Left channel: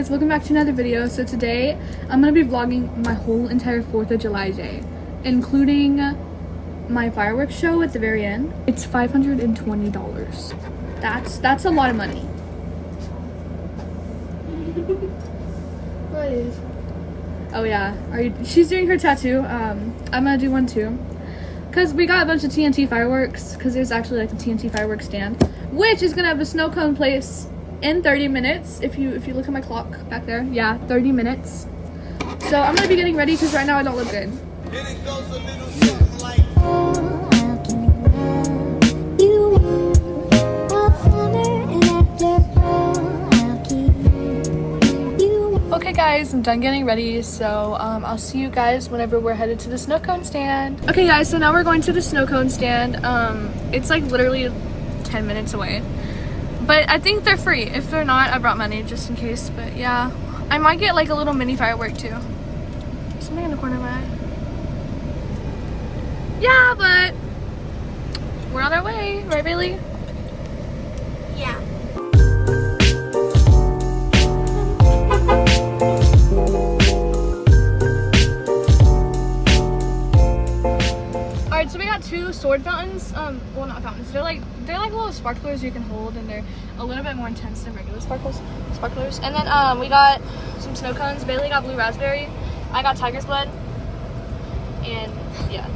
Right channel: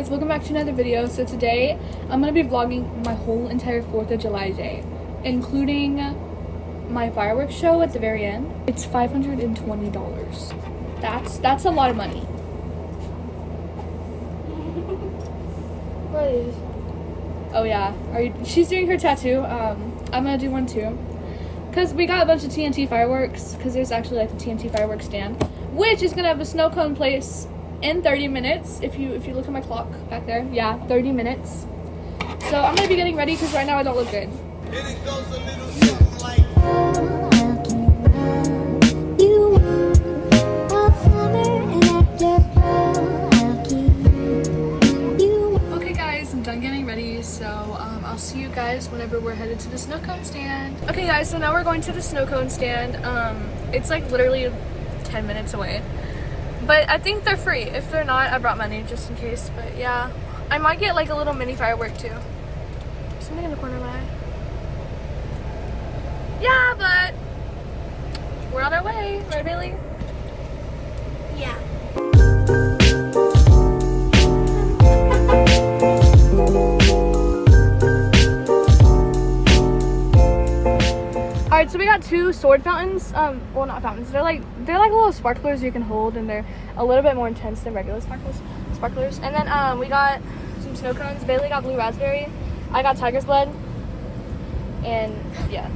guys, welcome back to another video. So today I'm gonna be vlogging my whole entire 4th of July day, including my fireworks show at the very end. It's $520. That's a lot of money. Please. Oh yeah, she's doing her tattoo. I'm gonna do one too, cause we got a bunch of TNT fireworks. Cause there's actually like a TNT fireworks stand, which is gonna have a snow cone place in 30 minutes. If you look at my clock back there, yeah, 30 minutes. So I'm gonna be getting ready because right now I don't look good. And it goes a little something like okay guys, I'm done getting ready, so I'll see you guys whenever we're headed to the snow cone stand. Okay guys, so now we're going to the snow cone stand. It's like literally 10 minutes away. But I think they're free. If they're not, I brought money just in case. But yeah, I might get like a little mini firework too. Something in the corner of my eye. Yeah, but we're on our way, right, Bailey? Yeah. Alright, so we got two sword fountains. Well, not fountains. They're like little sparklers you can hold, and they're a little bit more intense than regular sparklers. And then we got some snow cones. Bailey got blue raspberry. I got tiger's blood. And yeah.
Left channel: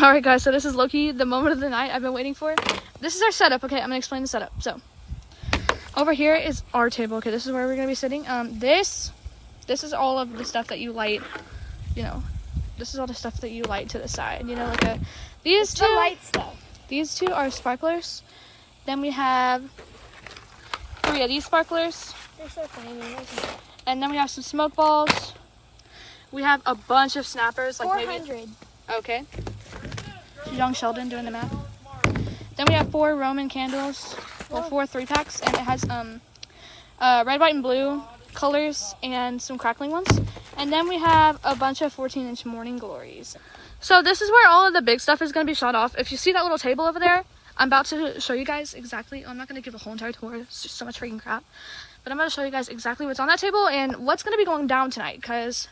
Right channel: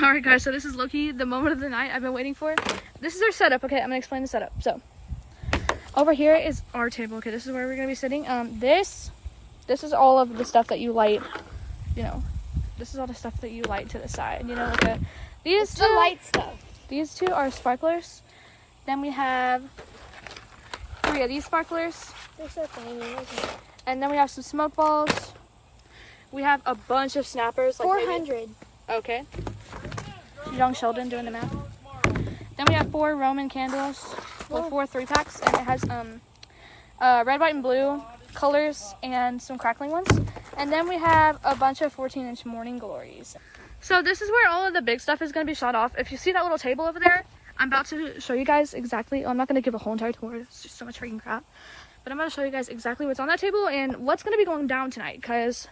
Alright guys, so this is low-key the moment of the night I've been waiting for. This is our setup, okay? I'm gonna explain the setup. So, over here is our table, okay? This is where we're gonna be sitting. This is all of the stuff that you light, you know. This is all the stuff that you light to the side, you know, like these two light stuff. These two are sparklers. Then we have 3 of these sparklers. They're so tiny, isn't it? And then we have some smoke balls. We have a bunch of snappers, like 400. maybe. Okay. Young Sheldon doing the math. Then we have 4 Roman candles, well, 4 3-packs, and it has red, white, and blue colors and some crackling ones. And then we have a bunch of 14-inch morning glories. So this is where all of the big stuff is going to be shot off. If you see that little table over there, I'm about to show you guys exactly. I'm not going to give a whole entire tour. It's just so much freaking crap. But I'm going to show you guys exactly what's on that table and what's going to be going down tonight, because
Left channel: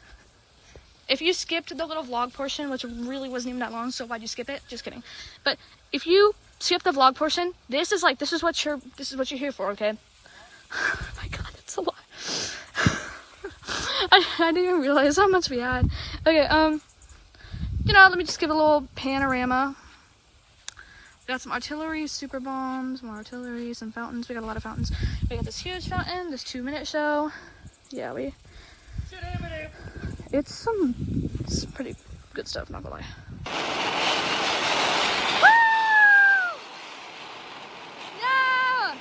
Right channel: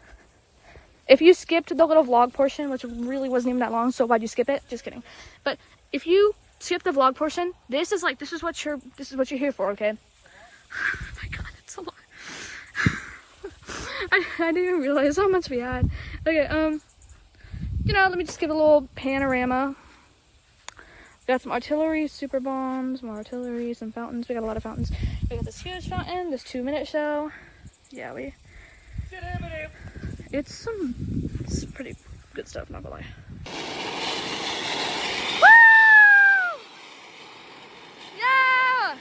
if you skipped the little vlog portion, which really wasn't even that long, so why'd you skip it? Just kidding. But if you skip the vlog portion, this is what you're here for, okay? Oh my god, it's a lot. I didn't even realize how much we had. Okay, you know, let me just give a little panorama. We got some artillery, super bombs, more artillery, some fountains. We got a lot of fountains. We got this huge fountain, this 2-minute show. Yeah, it's pretty good stuff, not gonna lie. Woo! Yeah!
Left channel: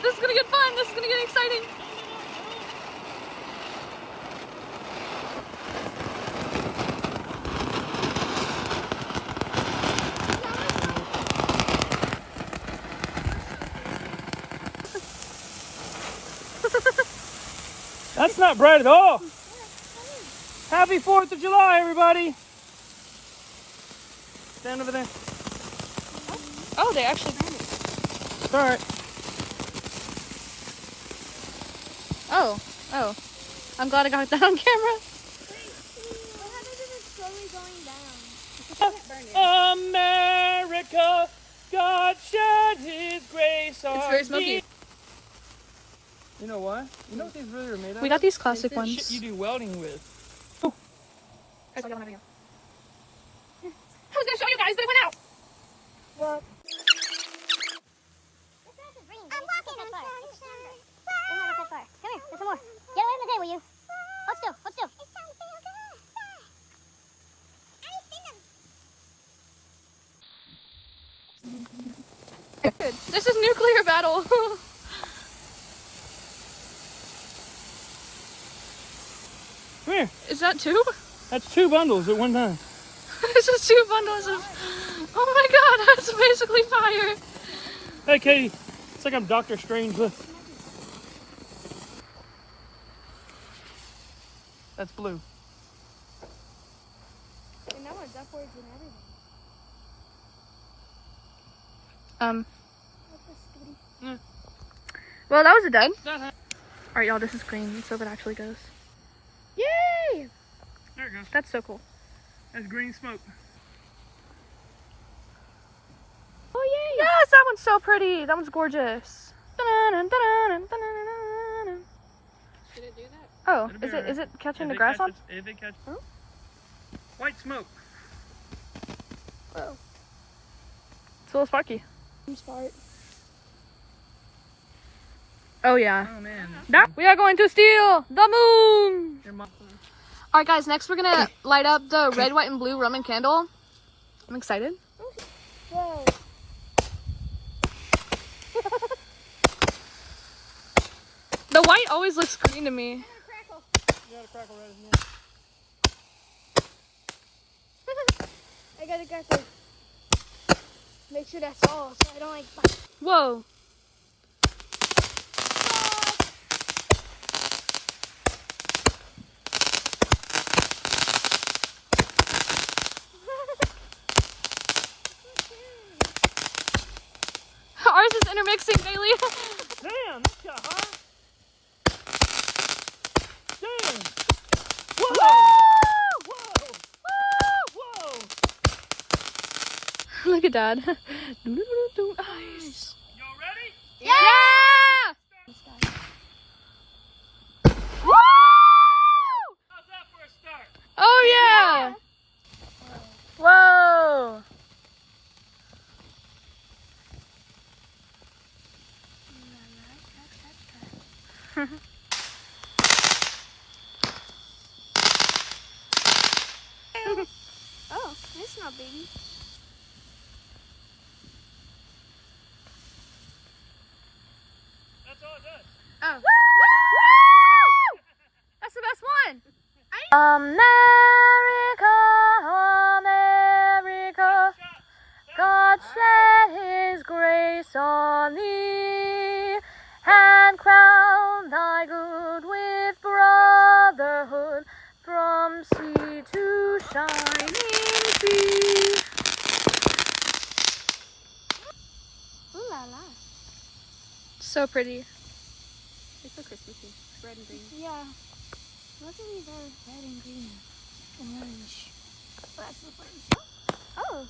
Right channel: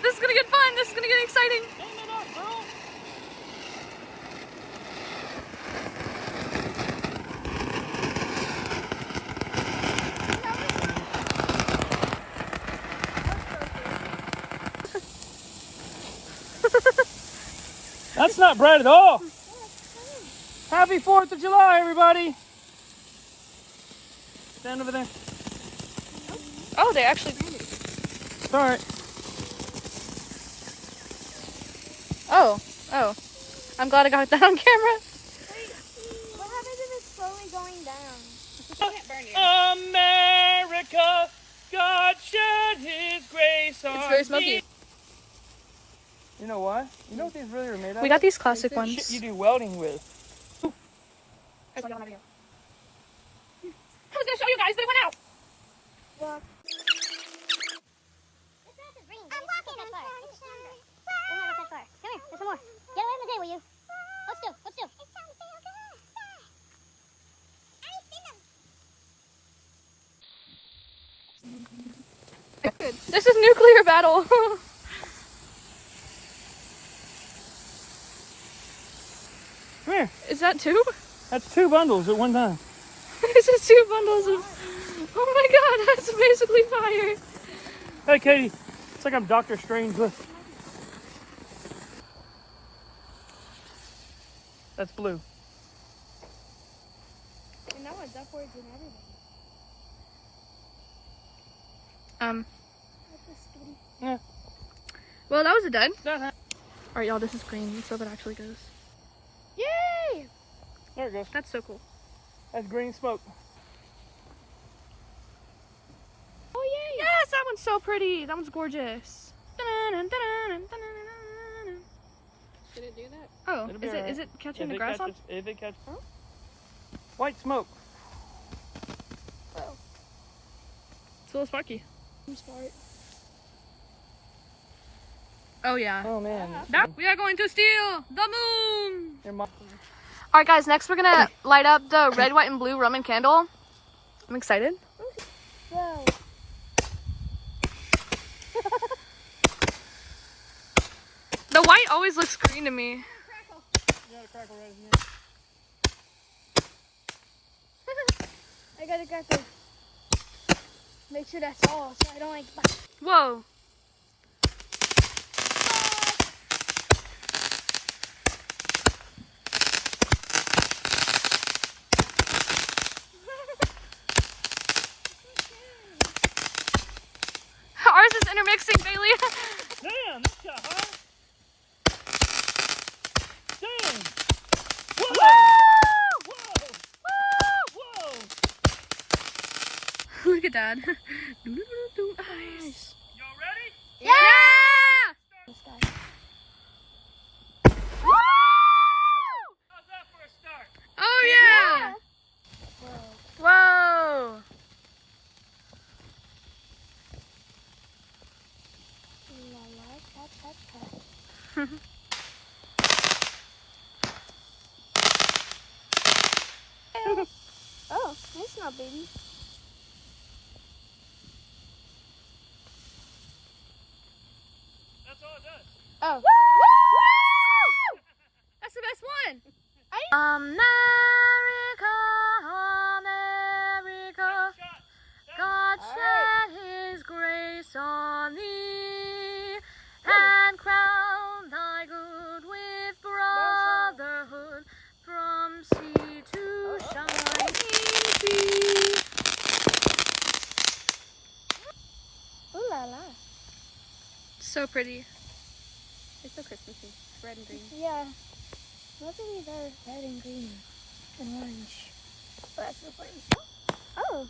This is gonna get fun. This is gonna get exciting. That's not bright at all. Happy 4th of July, everybody. Stand over there. Oh, they actually ran it. All right. Oh. I'm glad I got that on camera. What happens if it's slowly going down? It can't burn you. America, God shed His grace on It's very smoky. thee. You know what? You know what these really are made of? We got these classic Shit ones. you do welding with. I was gonna show you guys, but it went out. Well, I'm walking on sunshine. Come here, there's some more. Get away from the table, you. Hold still. This is nuclear battle. Come here. Is that 2? That's 2 bundles at one time. This is 2 bundles of... Oh my god, that's basically fire. Hey, Katie. It's like I'm Doctor Strange with. That's blue. And now it's upwards and everything. Yeah. Well, that was a dud. All Alright, y'all, this is green. Let's hope it actually goes. Yay! There it goes. That's so cool. That's green smoke. Oh, yay! Yes, that one's so pretty. That one's gorgeous. Did it do that? Oh, It'll be is alright. it catching the If it grass on? catches- If it catches. White smoke. It's a little sparky. Oh yeah. Oh man. We are going to steal the moon. All right, guys. Next, we're gonna light up the red, white, and blue Roman candle. I'm excited. Whoa. The white always looks green to me. I got a cracker. Make sure that's all, so I don't like. Whoa. Ours is intermixing, Bailey. Damn, this got hot. Damn. Woo! Whoa. Look at Dad. Nice. Y'all ready? Yeah! Woo! How's that for a start? Oh yeah! Whoa! Oh, that's not baby. That's all it does. Oh. Woo! That's the best one. America, America, God shed His grace on thee, and crown thy good with brotherhood from sea to shining sea. Ooh la la. So pretty. It's so Christmassy. Red and green. Yeah. What's really about red and green? And orange. Oh, that's so fun. Oh.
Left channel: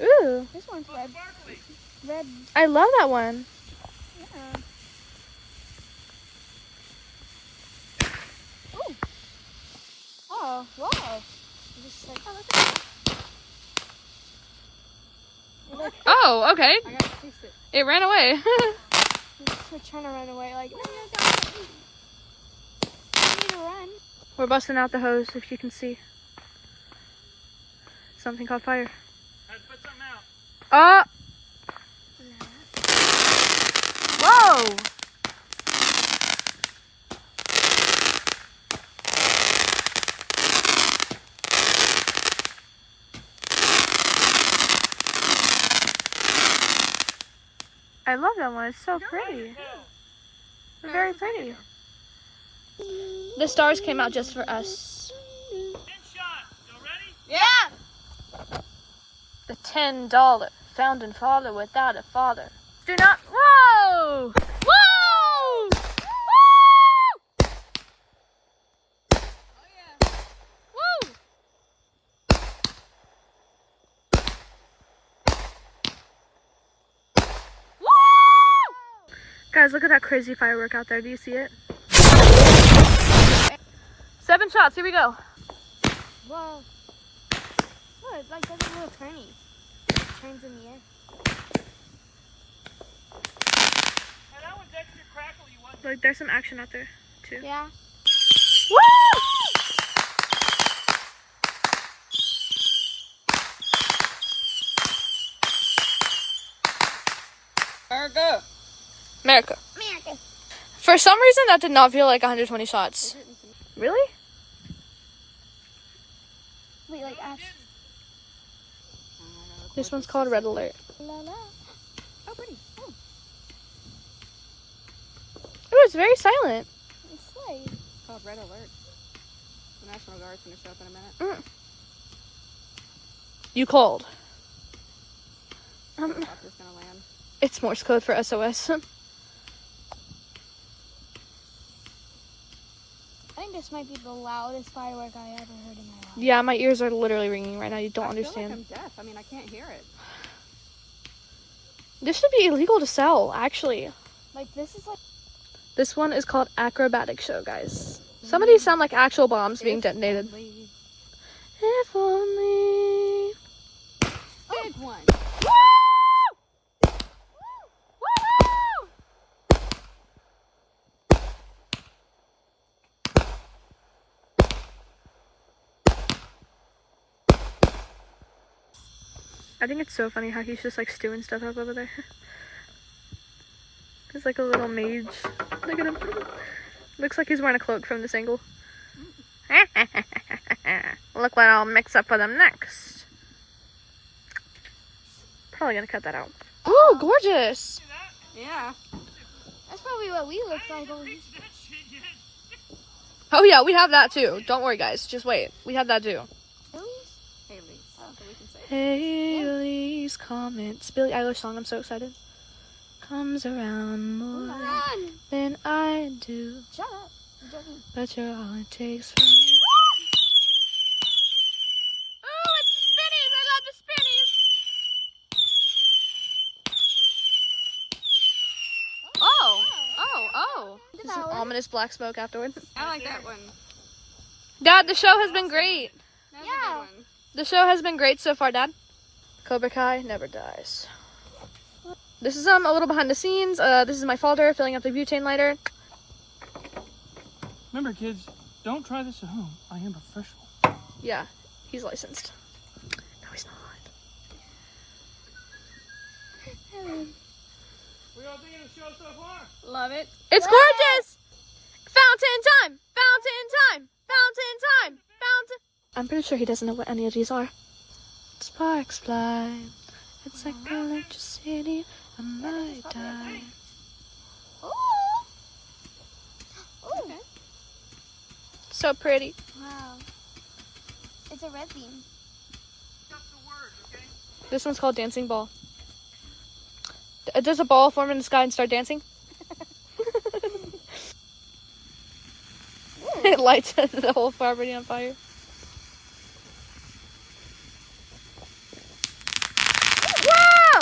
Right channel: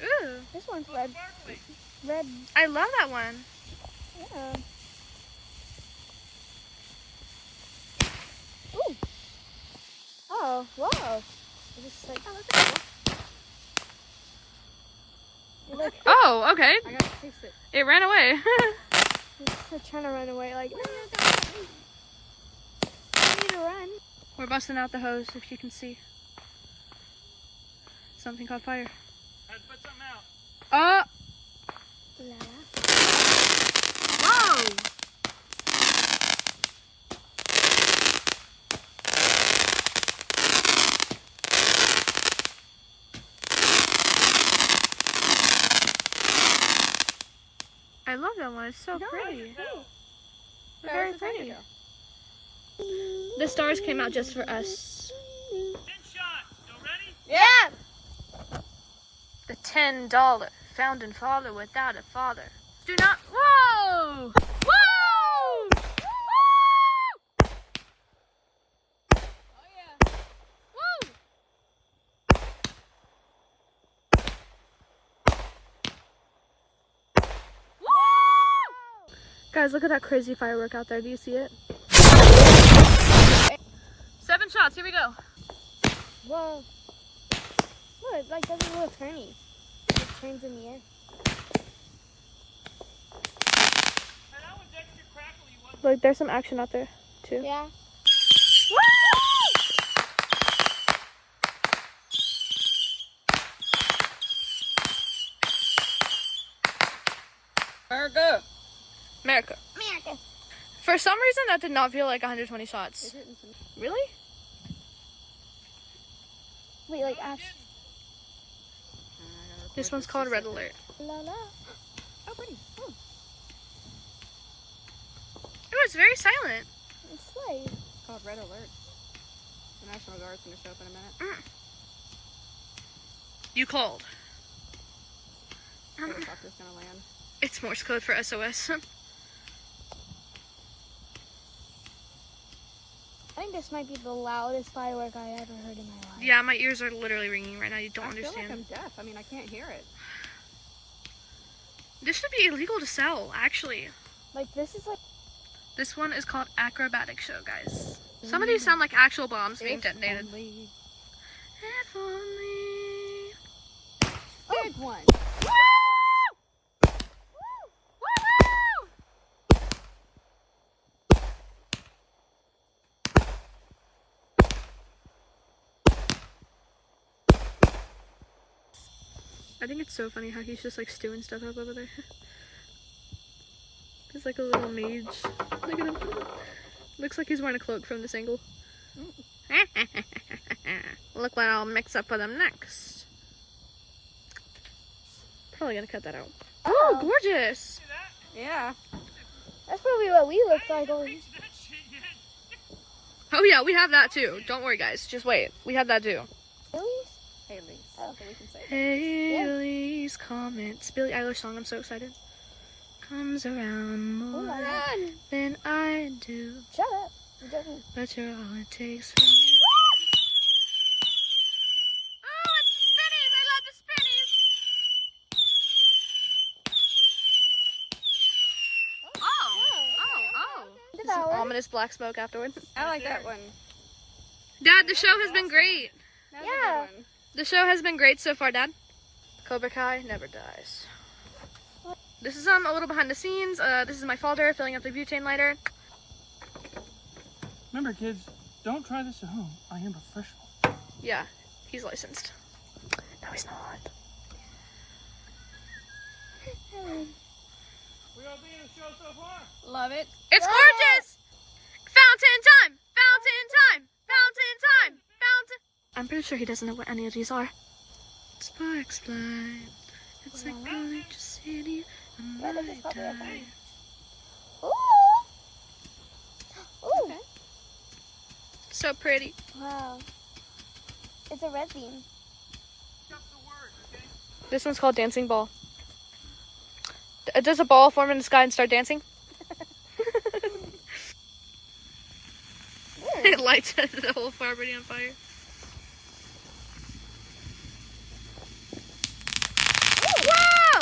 Ooh, This one's Oh, red. sparkly. Red. I love that one. Yeah. Ooh. Oh, whoa. Just like, oh, look at it. Look. Oh, okay. I gotta fix it. It ran away. They're trying to run away. Like, no, don't. I need to run. We're busting out the hose, if you can see. Something called fire. Had to put something out. Oh! La. Whoa! I love that one. It's so pretty. They're very pretty. The stars came out just for us. 10 shots. Y'all ready? Yeah. The $10 founding father without a father. Do not. Whoa! Whoa! Woo! Woo! Woo! Guys, look at that crazy firework out there. Do you see it? 7 shots. Here we go. Whoa. Look, it like does a little turny. It turns in the air. Hey, that one's extra crackly. You want Look, there's some action out there too. Yeah. Woo! America. America. American. For some reason, that did not feel like 120 shots. Really? Wait, like, This one's called Red Alert. Oh, pretty. Oh, it's very silent. It's like It's called Red Alert. The National Guard's gonna show up in a minute. You cold. Helicopter's gonna land. It's Morse code for SOS. I think this might be the loudest firework I ever heard in my life. Yeah, my ears are literally ringing right now. You don't I understand. feel like I'm deaf. I mean, I can't hear it. This should be illegal to sell, actually. Like this is like This one is called Acrobatic Show, guys. Some of these sound like actual bombs being detonated. Only If only. big one. I think it's so funny how he's just like stewing stuff up over there. He's like a little mage. Look at him. Looks like he's wearing a cloak from this angle. Look what I'll mix up for them next. Probably gonna cut that out. Oh, gorgeous! Yeah. that's probably what we look like. Oh yeah, we have that too. Don't worry, guys. Just wait. We have that too. Haley's. So we can say it. Haley's Comet. Billie Eilish song. I'm so excited. Comes around more than I do. Shut up. It doesn't. But you're all it takes for me. Oh, it's the spinnies. I love the spinnies. Oh. Just some ominous black smoke afterward. I like that one. Dad, the show has been great. That's Yeah. a good one. The show has been great so far, Dad. Cobra Kai never dies. This is a little behind the scenes. This is my father filling up the butane lighter. Remember, kids, don't try this at home. I am professional. Yeah, he's licensed. No, he's not. We all thinking of the show so far? Love it. It's gorgeous! Fountain time! Fountain time! Fountain time! Fountain... I'm pretty sure he doesn't know what any of these are. Sparks fly. It's like electricity. I might die. Ooh. Ooh. So pretty. Wow. It's a red bean. This one's called Dancing Ball. Does a ball form in the sky and start dancing? It lights the whole property on fire. Wow!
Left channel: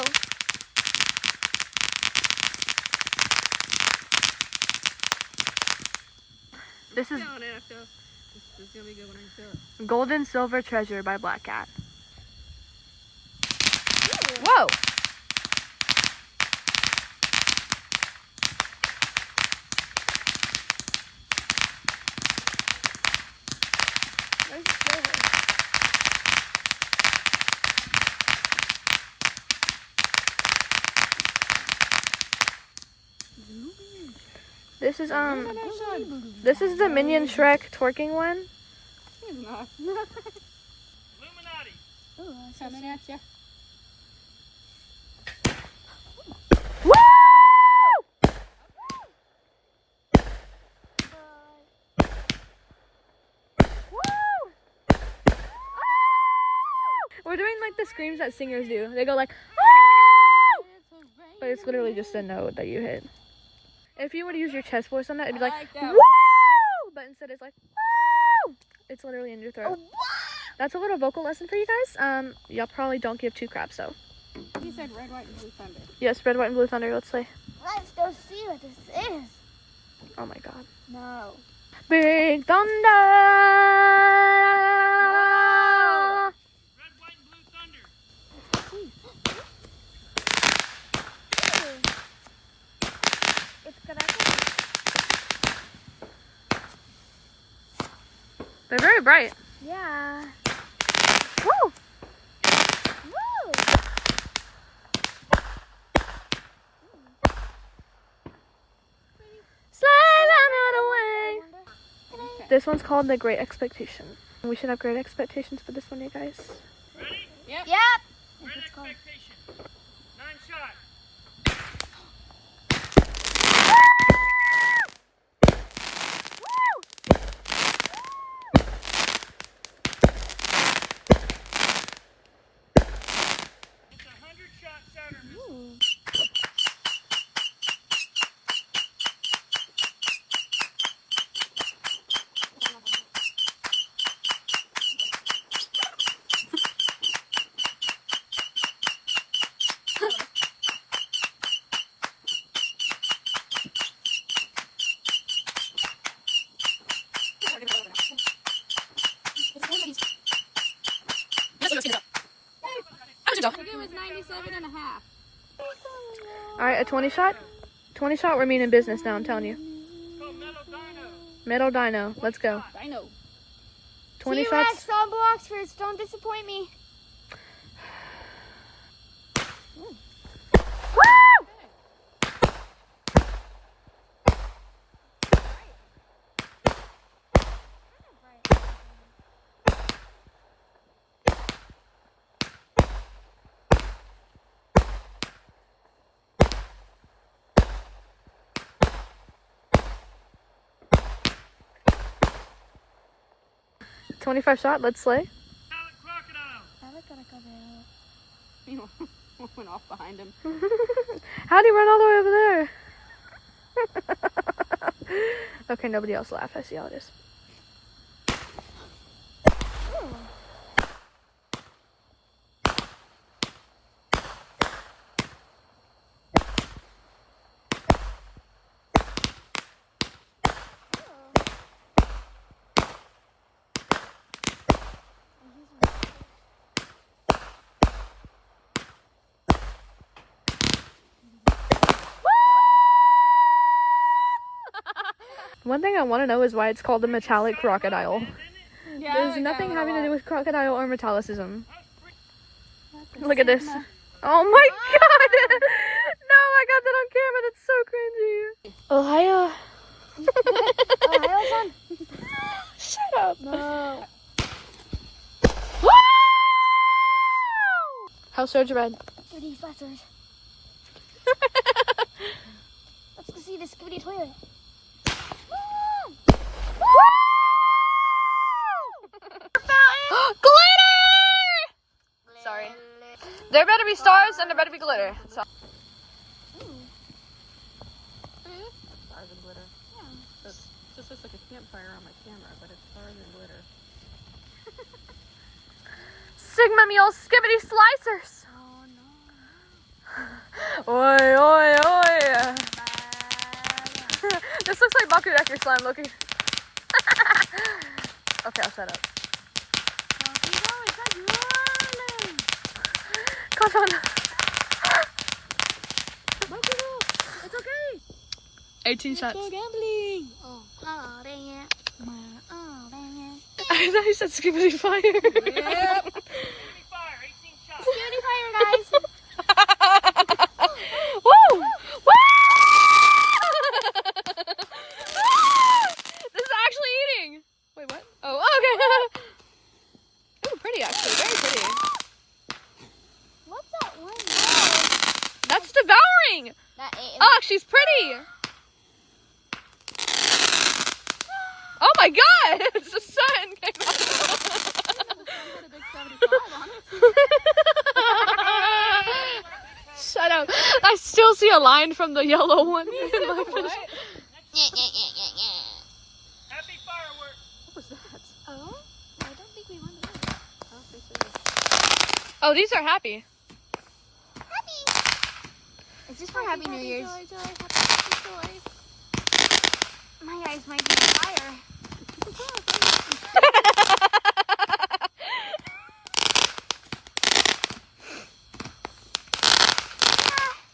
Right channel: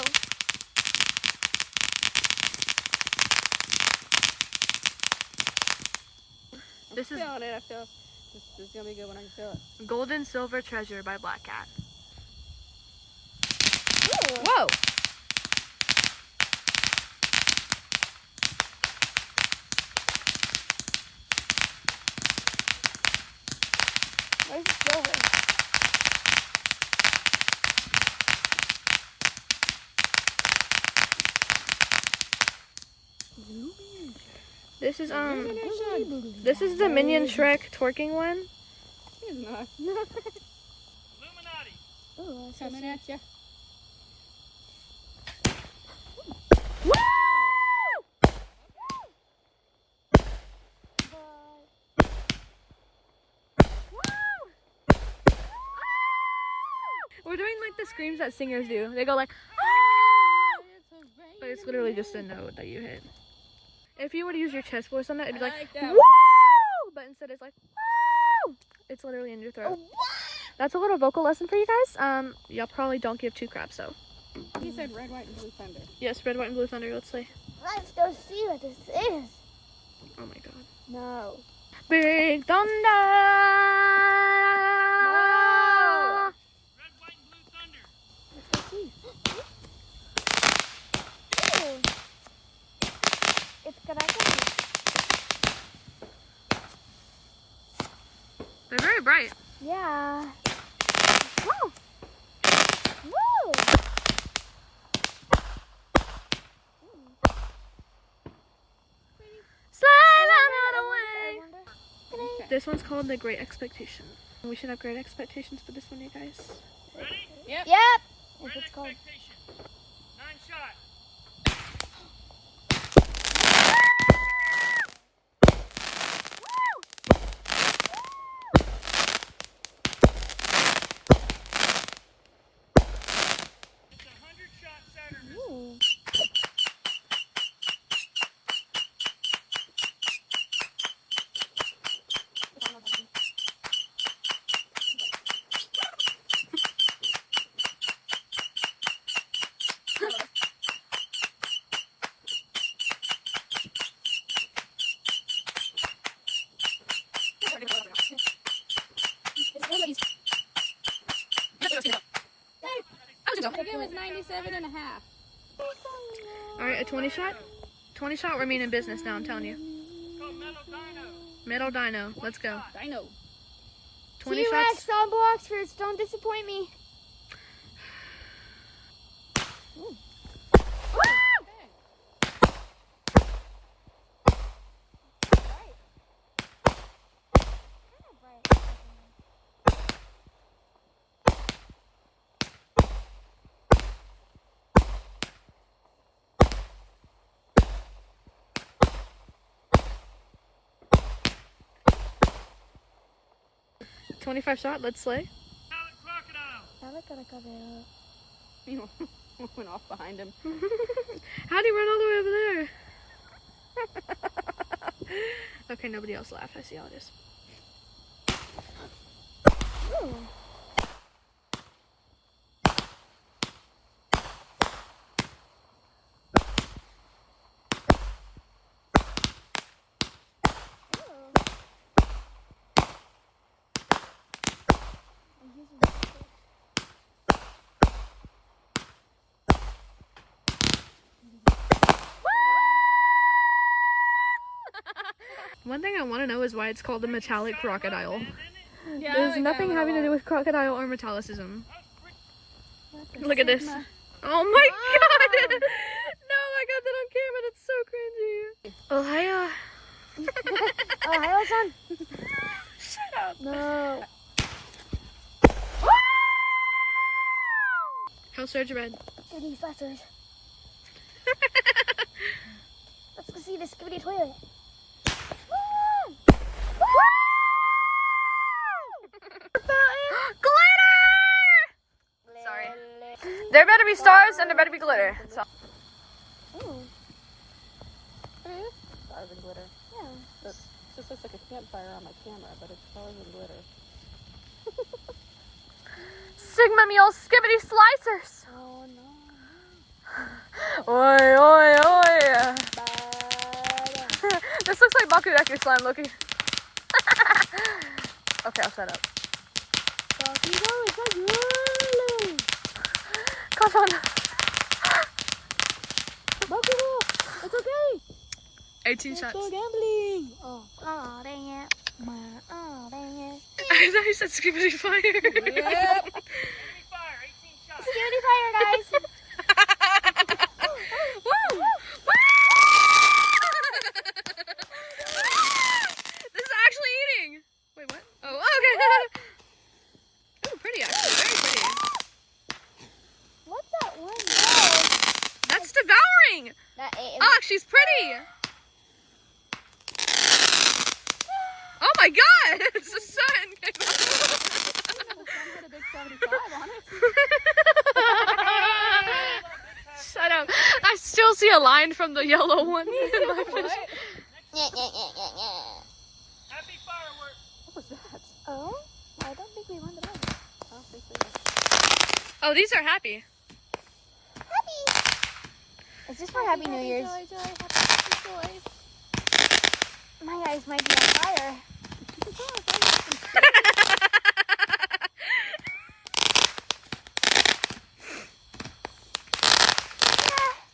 This is Feeling it. I feel this is gonna be good when I can feel it. Golden Silver Treasure by Black Cat. Whoa! Where's the silver? This is the Minion Shrek twerking one. It's not. Illuminati. Ooh, that's so Coming at ya. Woo! We're doing like the screams that singers do. They go like, "Ah!" But it's literally just a note that you hit. If you were to use your chest voice on that, it'd be I like, like that. "Woo!" But instead it's like, "Woo!" It's literally in your throat. That's a little vocal lesson for you guys. Y'all probably don't give two craps though. He said red, white, and blue thunder. Yes, red, white, and blue thunder. Let's play. Let's go see what this is. Oh my god. No. Big thunder. Red, white, and blue thunder. It's connected. They're very bright. Yeah. Woo! Woo! Slide that away. Okay. This one's called The Great Expectation. We should have great expectations for this one, you guys. Ready? Yep. Yep. If it's called. Expectation. 9 shot. It's a 100-shot Saturn missile. It was 97 and a half. All right, a 20 shot. 20 shot. We're meaning business now. I'm telling you. It's called Metal Dino. Metal Dino. Let's go. Dino. 20 T-Rex shots. on Bloxford. Don't disappoint me. Woo! 25 shot. Let's slay. Metallic crocodile. You know, went off behind him. How'd he run all the way over there? Okay, nobody else laugh. I see how it is. One thing I want to know is why it's called a metallic crocodile. Yeah, There's nothing having to do with crocodile or metallicism. Look at this. Oh my god! No, I got that on camera. That's so cringy. Ohio. Shut up. No. Woo! How's Surge Red? What are these lessers? Let's go see the skibidi toilet. Glitter! Sorry. There better be stars and there better be glitter. So. Stars and glitter. Yeah. It just looks like a campfire on my camera, but it's stars and glitter. Sigma Mule Skibbity Slicers! Oh no. Oi, oi, oi! This looks like Bakudeki slime looking. Okay, I'll shut up. Come on. It's okay. 18 shots. Gambling. Oh dang it. Oh dang it. I thought you said Skibbity Fire. Yep. Enemy fire. 18 shots. Skibidi fire, guys. Woo! Woo! This is actually eating. Wait, what? Oh, okay. Oh, pretty actually. Very pretty. What's that one? That's devouring. That ate. Oh, she's pretty. Oh my god! It's the sun came out. Shut up. I still see a line from the yellow one. Happy fireworks. Oh, I don't think we won the ball. Oh, these are happy. Happy. Is this for Happy New Year's? My eyes might be on fire.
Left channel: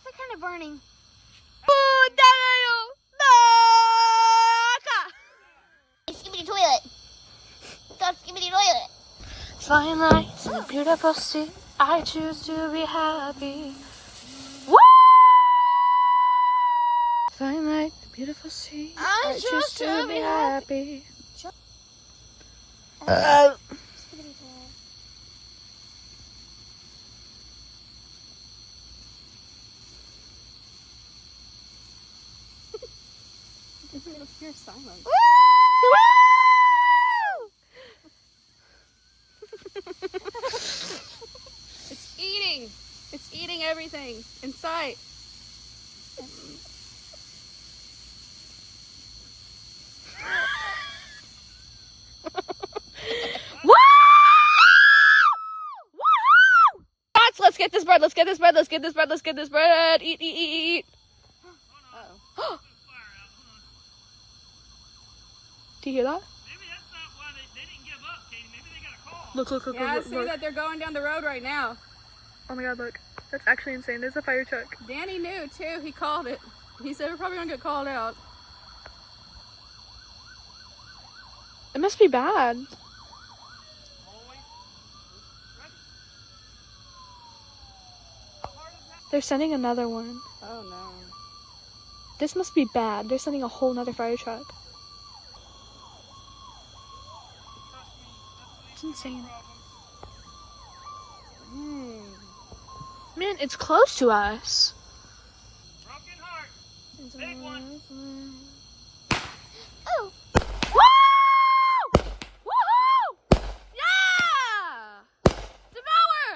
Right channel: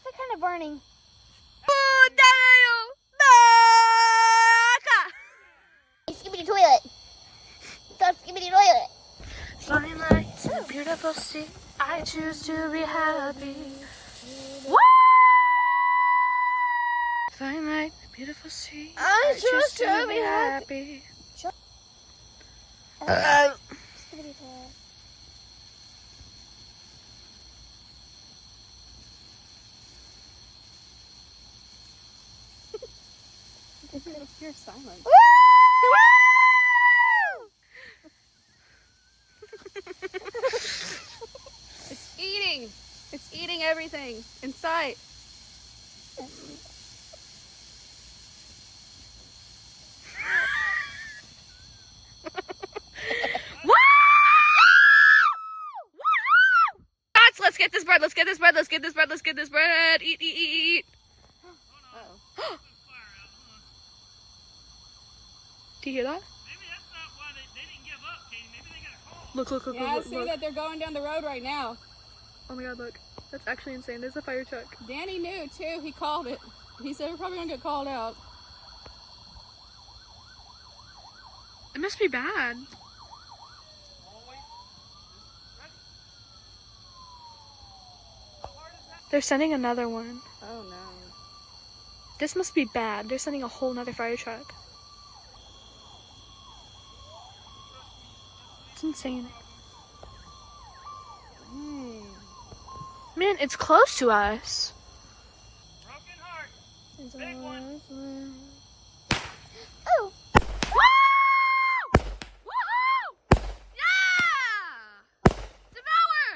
They're kind of burning. Skibidi toilet. Stop skibidi toilet. Flying lights in a beautiful sea. I choose to be happy. Woo! Flying lights in a beautiful sea. I choose to be happy. Skibidi toilet. you're gonna hear silence. It's eating. It's eating everything in sight. Let's get this bread. Let's get this bread. Let's get this bread. Let's get this bread. Eat, eat, eat, eat. Do you hear that? Maybe that's not why they didn't give up, Katie. Maybe they got a call. Look, look, look, Yeah, I look, see look. that they're going down the road right now. Oh my god, look. That's actually insane. There's a fire truck. Danny knew too. He called it. He said we're probably gonna get called out. It must be bad. Always ready. How hard is that? They're sending another one. Oh no. This must be bad. They're sending a whole nother fire truck. It's insane. Man, it's close to us. Broken heart. Big one. Oh, Woo! Woohoo! Yeah! Devour!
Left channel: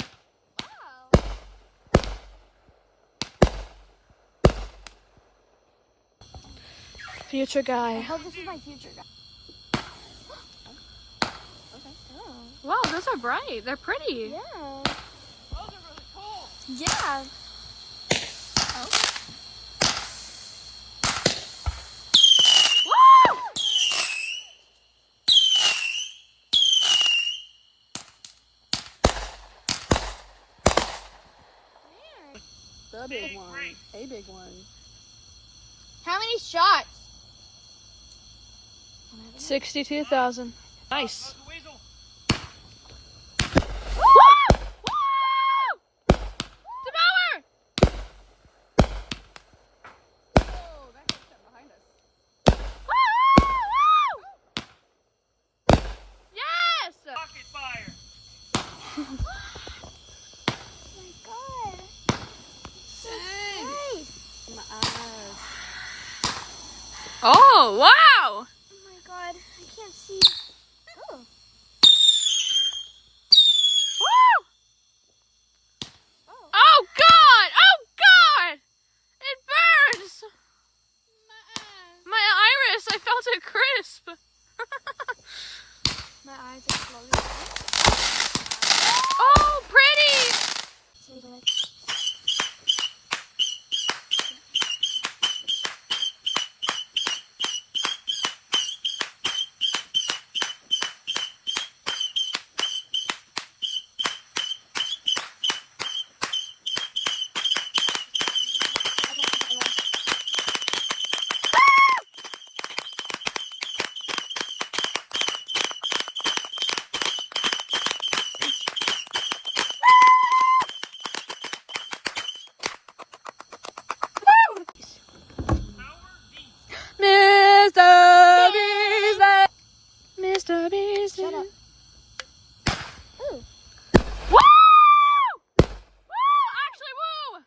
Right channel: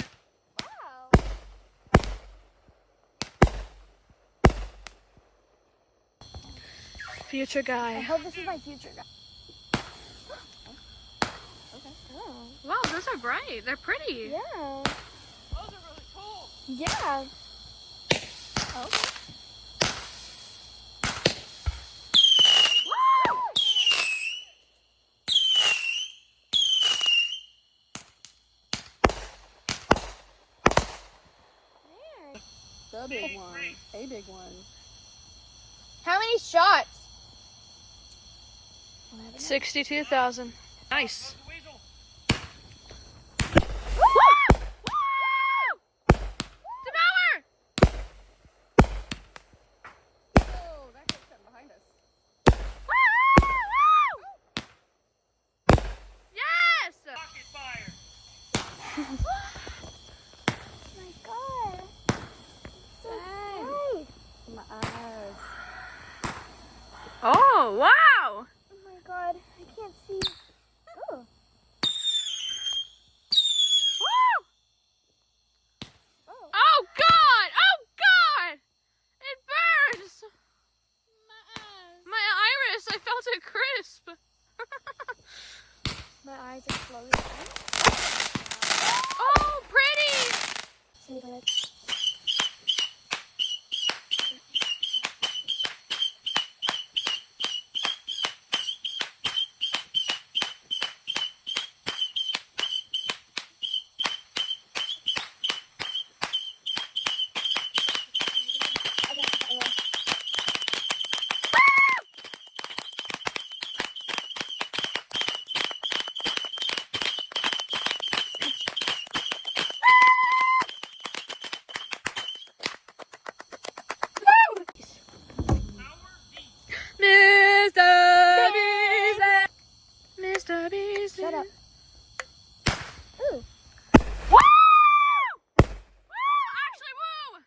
Future I guy. hope this is my future guy. Wow, those are bright. They're pretty. Yeah. Those are really cool. Yeah. Woo! The Big big one. break. A big one. How many shots? 62,000. Nice. Goes the weasel. Woo! Woo! Devour! Oh, that got shut behind us. Woo! Woo! Yes! Rocket fire. Oh my god. Dang. My eyes. Oh, wow! Oh my god. I can't see. Oh. Woo! Oh god! Oh god! It burns! My iris, I felt it crisp. My eyes are slowly. Oh, pretty! See, go ahead. Power V. Mr. Beasley! Mr. Beasley! Shut up. Ooh. Woo! Woo! Actually, woo!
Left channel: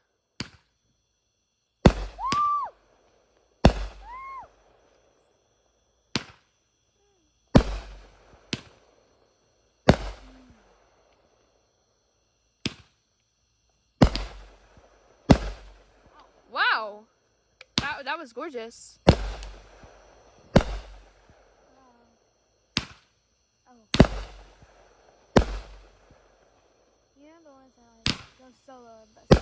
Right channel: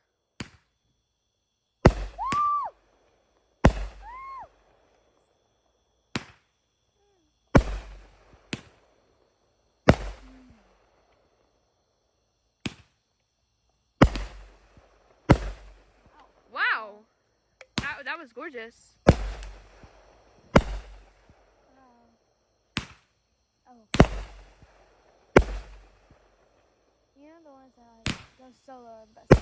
Wow. That was gorgeous. Yeah, the ones that go solo are best.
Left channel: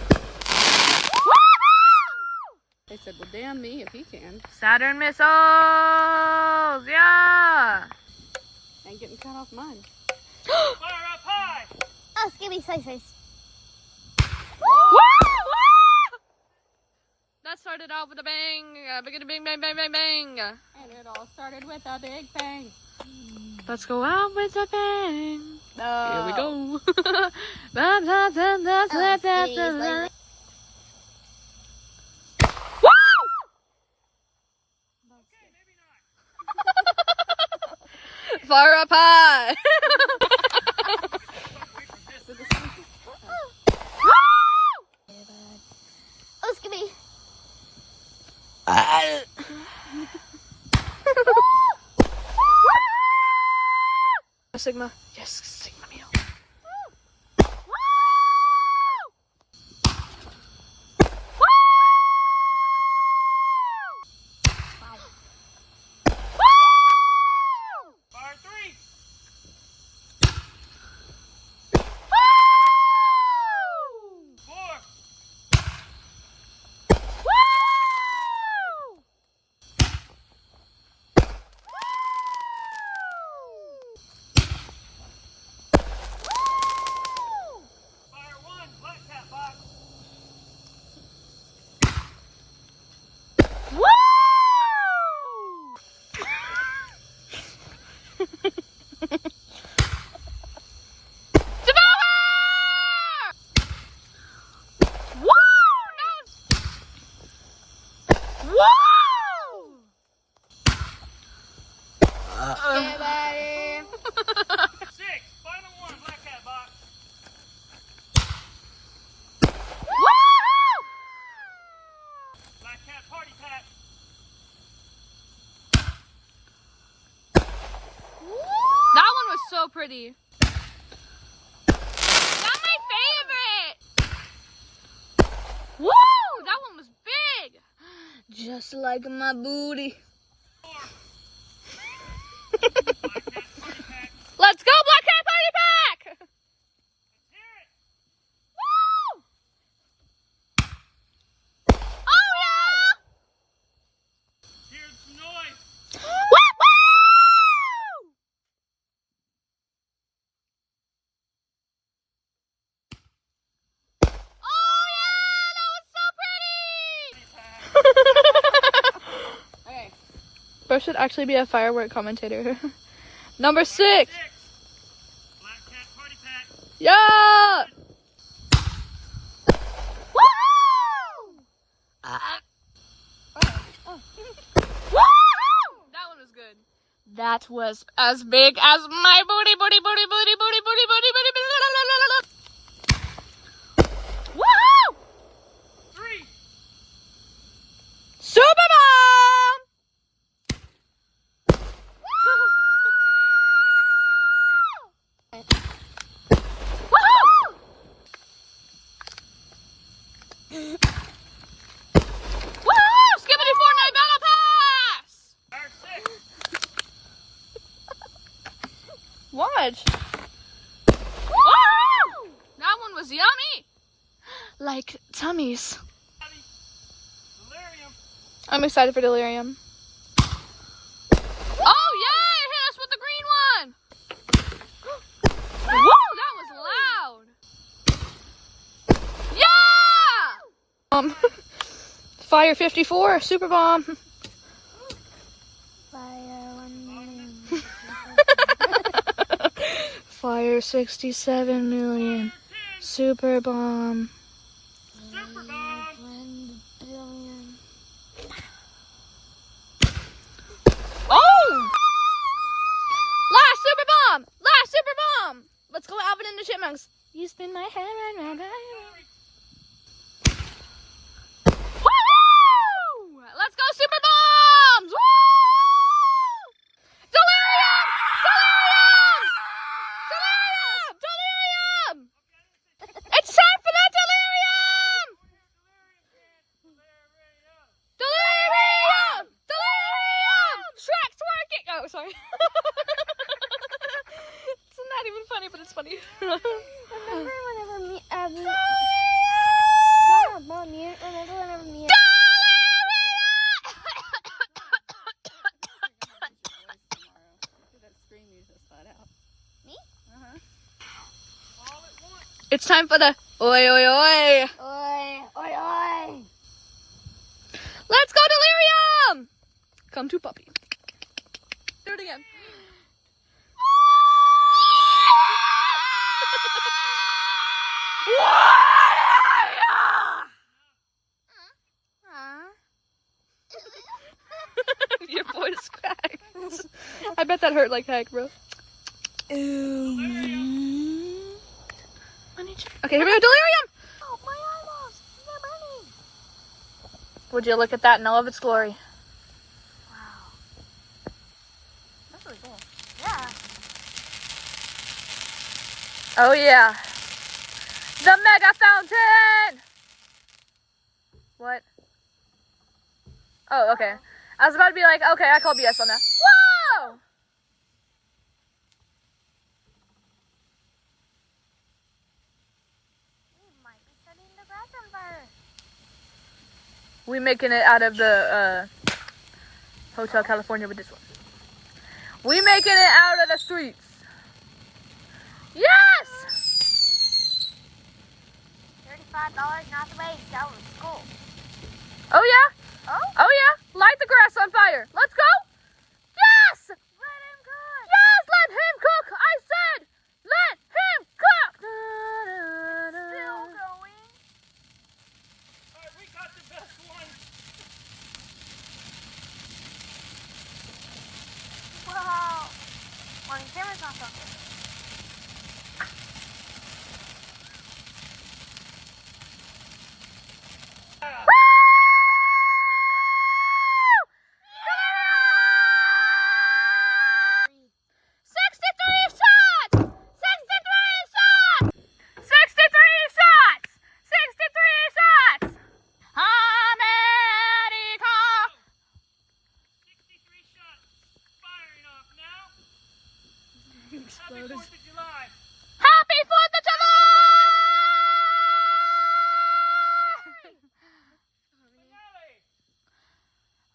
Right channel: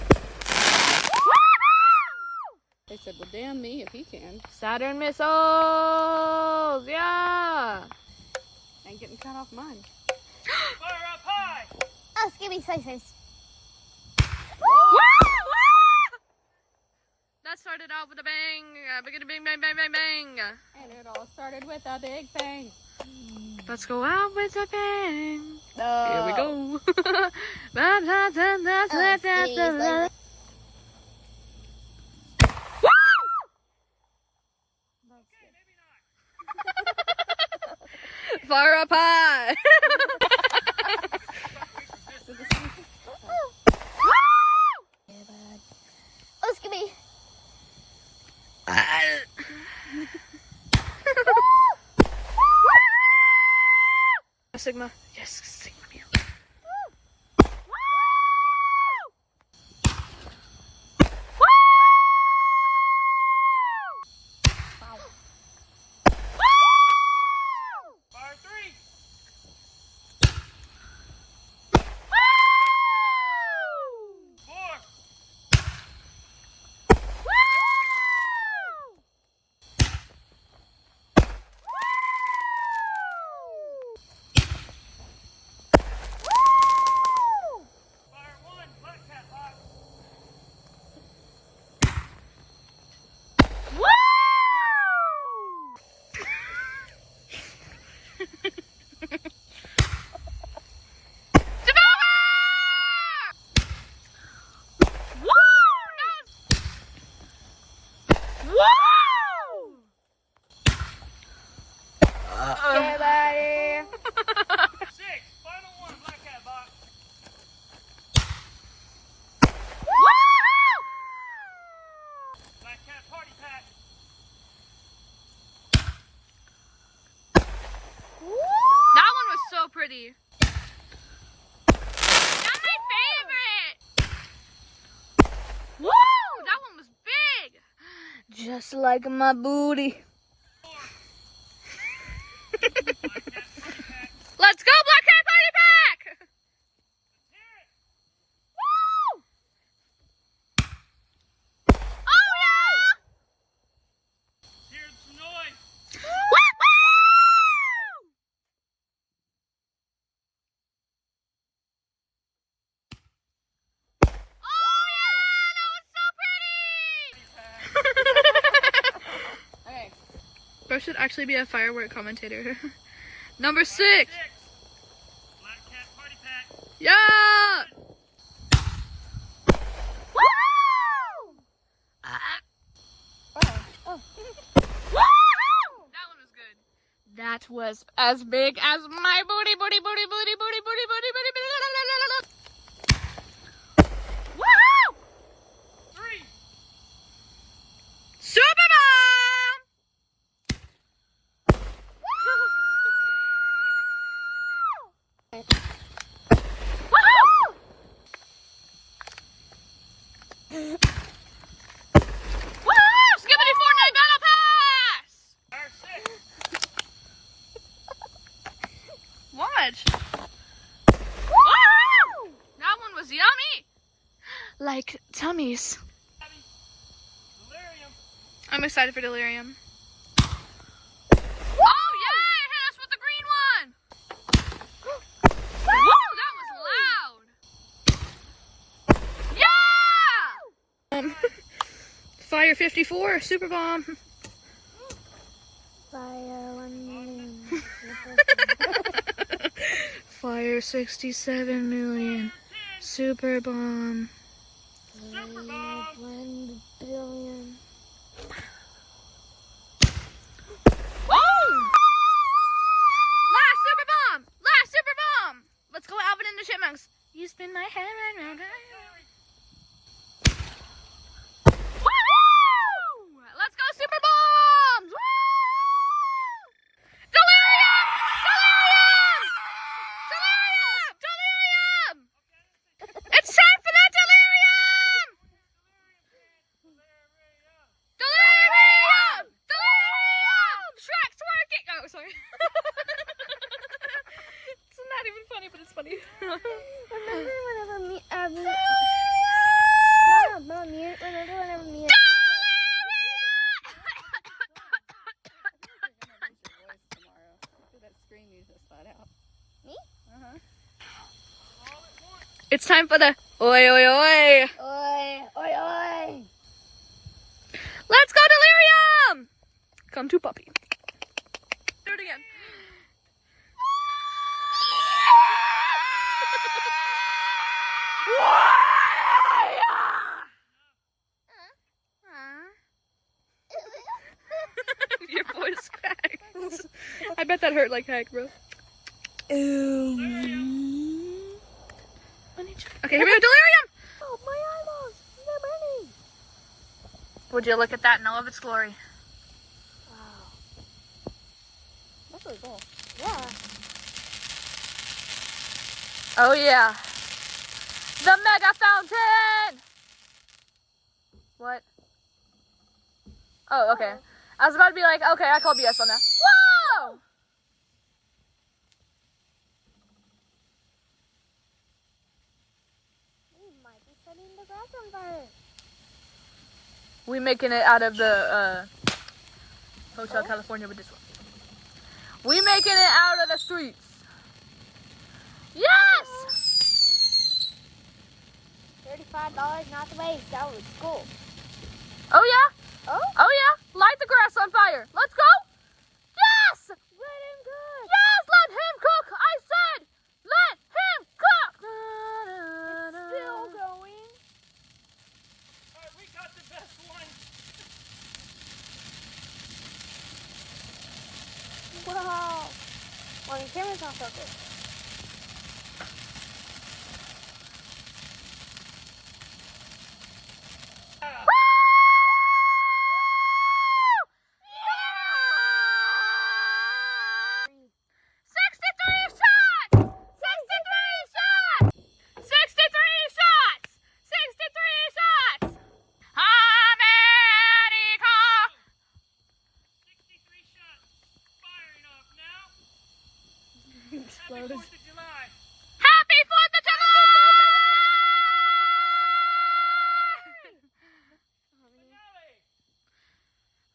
They said, well, damn me if he can. Saturn missiles! Yeah! Ain't getting cut off mine. Fire up high. Oh, skippy slices. Woo! Woo! That started out with a bang. Bang, bang, bang, bang, bang. And it all started with a big bang. Let's go out with a bang. Here we go. Woo! Okay, maybe not. Fire up high. Oh, skippy. Sigma. Yes, Sigma meal. Fire 3. That one was so pretty. That's my favorite. Woo! That one was big. Just like my booty. Let's go, Black Cat Party Pack! Woo! Oh yeah! Here's some noise. Woo! Oh yeah! That was so pretty! Okay. Bro should actually be a firework commentator. Number 6. Black Cat Party Pack. Yeah! Woo! Woo! That one was good. That was as big as my booty. Woo! 3. Super Mom! Woohoo! Woohoo! Skibbity Fortnite Battle Pass! Fire 6. What? Woo! That one was yummy! Like tummies. Delirium. I'm excited for Delirium. Oh yeah! Hit us with the green one! Woo! That was loud! Yeah! Fire 54, Super Bomb. Fire 67 million, Super Bomb. Super Bomb. Oh! Last Super Bomb! Last Super Bomb! Let's go Alvin and the Chipmunks. You spin my head around. Woo! Let's go Super Bombs! Woo! Delirium! Delirium! Delirium! Delirium! It's time for that Delirium! Delirium! Delirium! Shrek twerking! Oh, sorry. It's not even funny, but it's funny. Remember whenever Mom, you remember whenever me and That scream you just let out. It's time for the oi oi oi. Oi, oi, oi. Let's go Delirium! Come to puppy. Do it again. Your voice cracked. I bet that hurt like heck, bro. Okay, here we go, Delirium! Oh, my eyeballs. They're burning. Would you look at that in all of its glory? Wow. That's really cool. Yeah. Oh yeah. The mega fountain! What? Oh, okay. I was about to be like, okay, I call BS on that. Whoa! We might be setting the grass on fire. We making it out of the Hotel California with this one. We making it out of the streets. Yes! $35 not the waste. That was cool. Oh yeah? Oh? Oh yeah? Light the grass on fire. Let's go! Yes! Let him cook. Yes! Let him cook! I said! Let him cook! Still going. Alright, we got the best one. Wow. Well, the camera's not focused. Happy 4th of July! Happy 4th of July! Finale!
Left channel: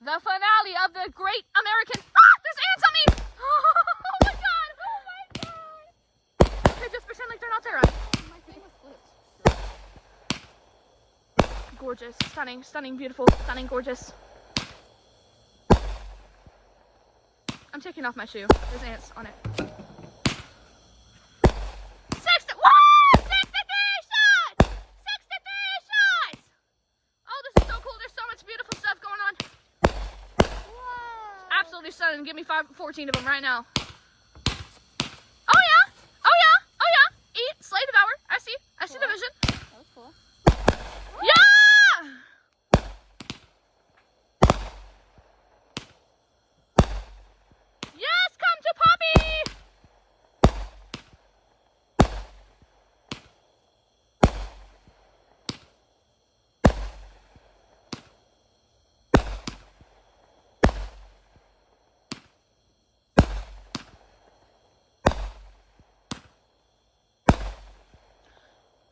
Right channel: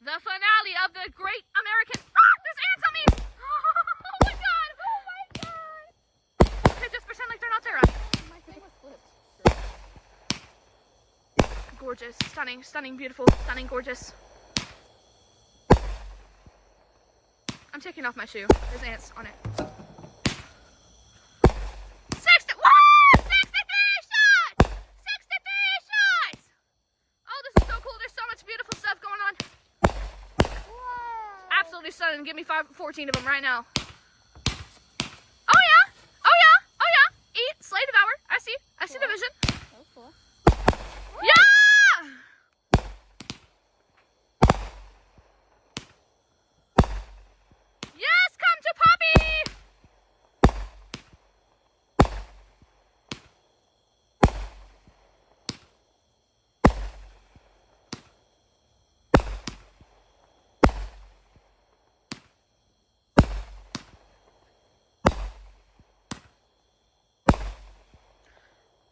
The finale of the great American... Ah! There's ants on me! Oh my god! Okay, just pretend like they're not there. Gorgeous. Stunning. Stunning. Beautiful. Stunning. Gorgeous. I'm taking off my shoe. There's ants on it. 63 shots! 63 shots! Oh, this is so cool. There's so much beautiful stuff going on. Absolutely stunning. Give me 14 of them right now. Oh yeah! Oh yeah! Oh yeah! Eat, slay, devour. I see the vision. Yeah! Yes, come to Poppy!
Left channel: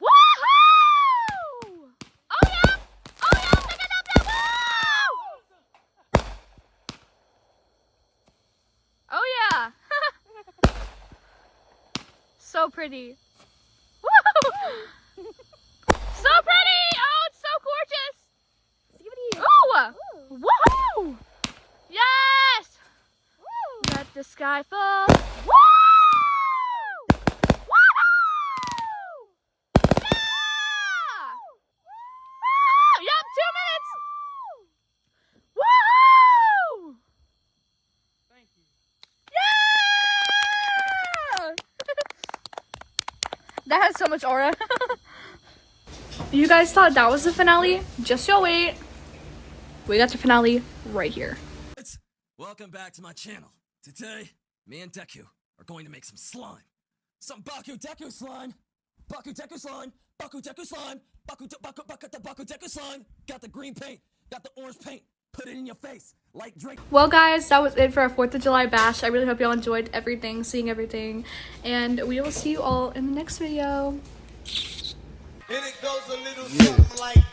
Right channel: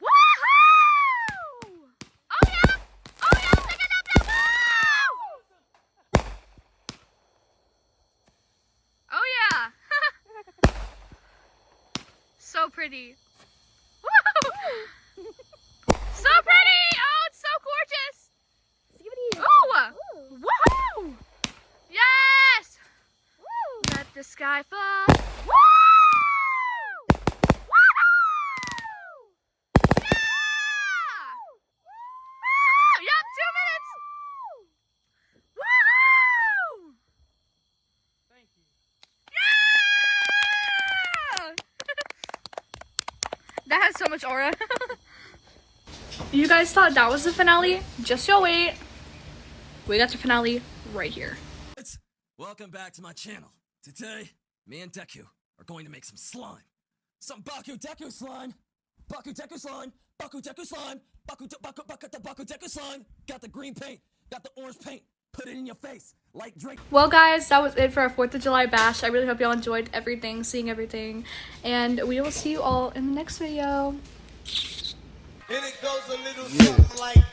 Woohoo! Oh yeah! Oh yeah! Pick it up there! Woo! Oh yeah! So pretty. Woo! So pretty! Oh, it's so gorgeous! Ooh! Woohoo! Yes! Let the sky fall. Woo! Woohoo! Yeah! Woo! Yup, 2 minutes! Woohoo! Thank you. Yeah! That has so much aura. You guys thought that was the finale? Just you wait. We got the finale right here. Welcome back to my channel. Today, me and 𝐧𝐢 are going to make some slime. Some 𝐷𝐷𝐷𝐷 slime. 𝐷𝐷𝐷𝐷 slime. 𝐷𝐷𝐷𝐷 slime. 𝐷𝐷𝐷𝐷𝐷 slime. Got the green paint. Got the orange paint. Put it in your face. Like Drake. Well guys, that was it for our 4th of July bash. I really hope y'all enjoyed everything, seeing everything. And we will see you all in the next video. And it goes a little something like